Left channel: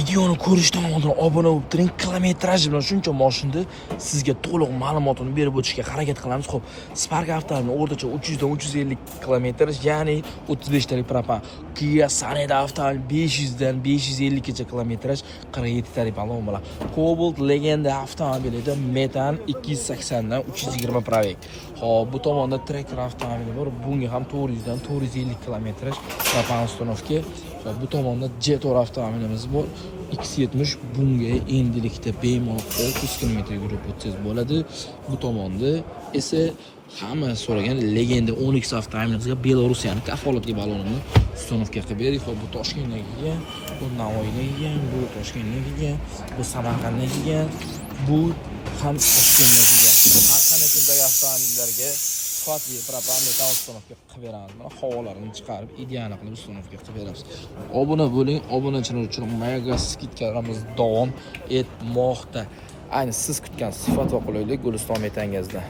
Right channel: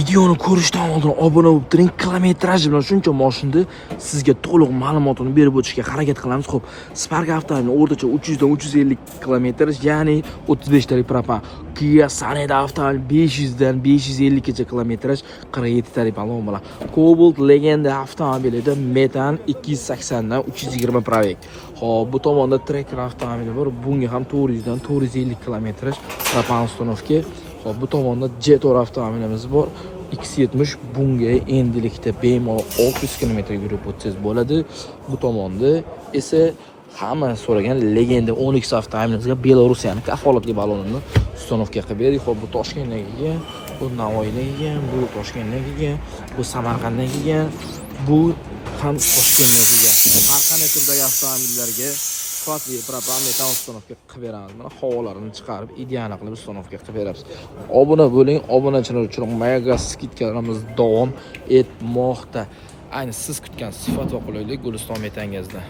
Videoni ko'rishdan oldin obuna bo'lib turing. Kilometraj bilan shuncha mashinani sizga to'liq ma'lumotini berib o'tishga harakat qilamiz. Xo'p, Spark avtomobil o'rtacha 300 dan 350 km, ya'ni 35 talik propan. Kia Sonet avtomobil 500 dan 550 gacha kilometraj, 47 talik balon bilan. Cobalt Legenda avtomobilida metan 280 dan 320 provek. Xo'p, bu tomonda Tracker avtomobili bor. Bunga ham 400 dan 450 kilometraj propan uстановка. Xo'p, bu tomonda Jetor avtomobilimiz bor. X70 bunga endilikda bemalol 600 km yurib o'tsangiz bo'ladi. Bu tomonda esa hamma so'ragan Legenda 10X avtomobilimizga Belorussiyaning kafolatli balonini uстановка qilib berdik. Xo'p, bu Toshkentdan kelgan, bu Navoiydan kelgan, bu Toshkentdan kelgan, bu Samarqanddan kelgan, bu ham Toshkentdan kelgan. Har qanday turdagi avtomobillarga sifatli propan metan uстановка qilib beramiz. Mana havolarini chiqarib, ideal qilib uстановка qilib beramiz. Obuna bo'ling, obunachilar uchun mega skidkalarimiz davom etmoqda. Ayni siz kutgan sifat va qulaylik Guliston Metangazda.